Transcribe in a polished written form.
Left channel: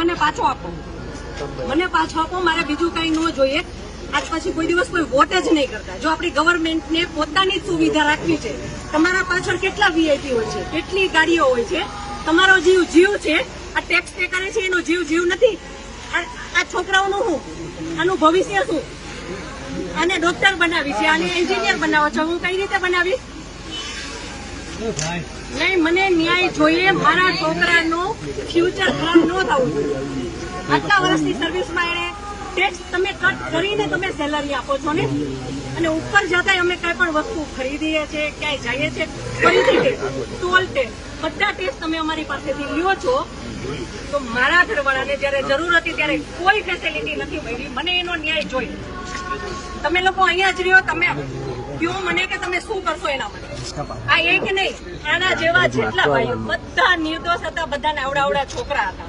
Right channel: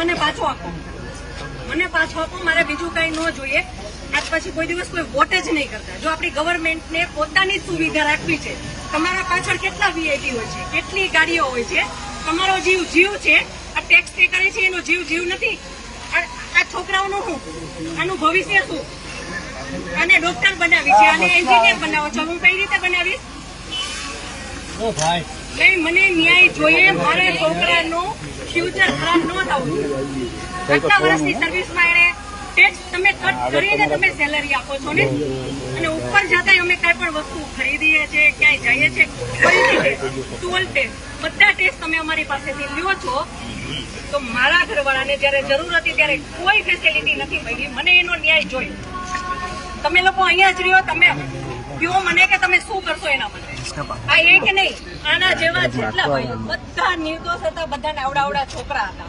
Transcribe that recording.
મને પાછો આપો, મને પાછો આપો. મારે બીજું કઈ ન જોઈએ. આજ પછી કોઈ દિવસ કોઈ વોટ જ નહીં કરતા. જો આપણી ગવર્મેન્ટને પોતાની સુવિધા રાખવી છે, તમારા પાછળ કેટલા વીઆઈપી હોય છે, કેટલી ગાડીઓ હોય છે, તમારો જીવ છે. આ ટેક્સ પે કરે છે એનો જીવ નથી. આ છોકરાઓનું શું, આનું ભવિષ્ય શું? આને ડોક્ટર બનાવી છે, આને એન્જિનિયર બનાવો છો, હું કઈ રીતે બનાવીશ? નહીં, મને ન્યાય જોઈએ. મારા છોકરાનું ફ્યુચર ખરાબ ન થવું જોઈએ. આટલા વર્ષની સર્વિસમાં એને ટેક્સ તમે કટ કરીને તમે સેલરી આપો છો ને, અને ઉપર જતા અમે કઈ પણ વસ્તુ ખરીદીએ છીએ, ક્યાંય જઈએ છીએ, ખરીદીએ ટોલ ટેક્સ, બધા ટેક્સ તમે અમારી પાસેથી લ્યો છો. તો મારા ઘરવાળાને જયારે જરૂર હતી ત્યારે કોઈ ફેસિલિટી નથી મળી. મને એનો ન્યાય જોઈએ. તમે લોકો અહીંયા જ રહ્યો, તમે કહો મને કે તમે શું કરશો એના માટે. આ એક નહીં, આના જેવા જેટલા ભાઈઓ બધા નિર્દોષ હતા, બધાને આવડા છોકરા હતા.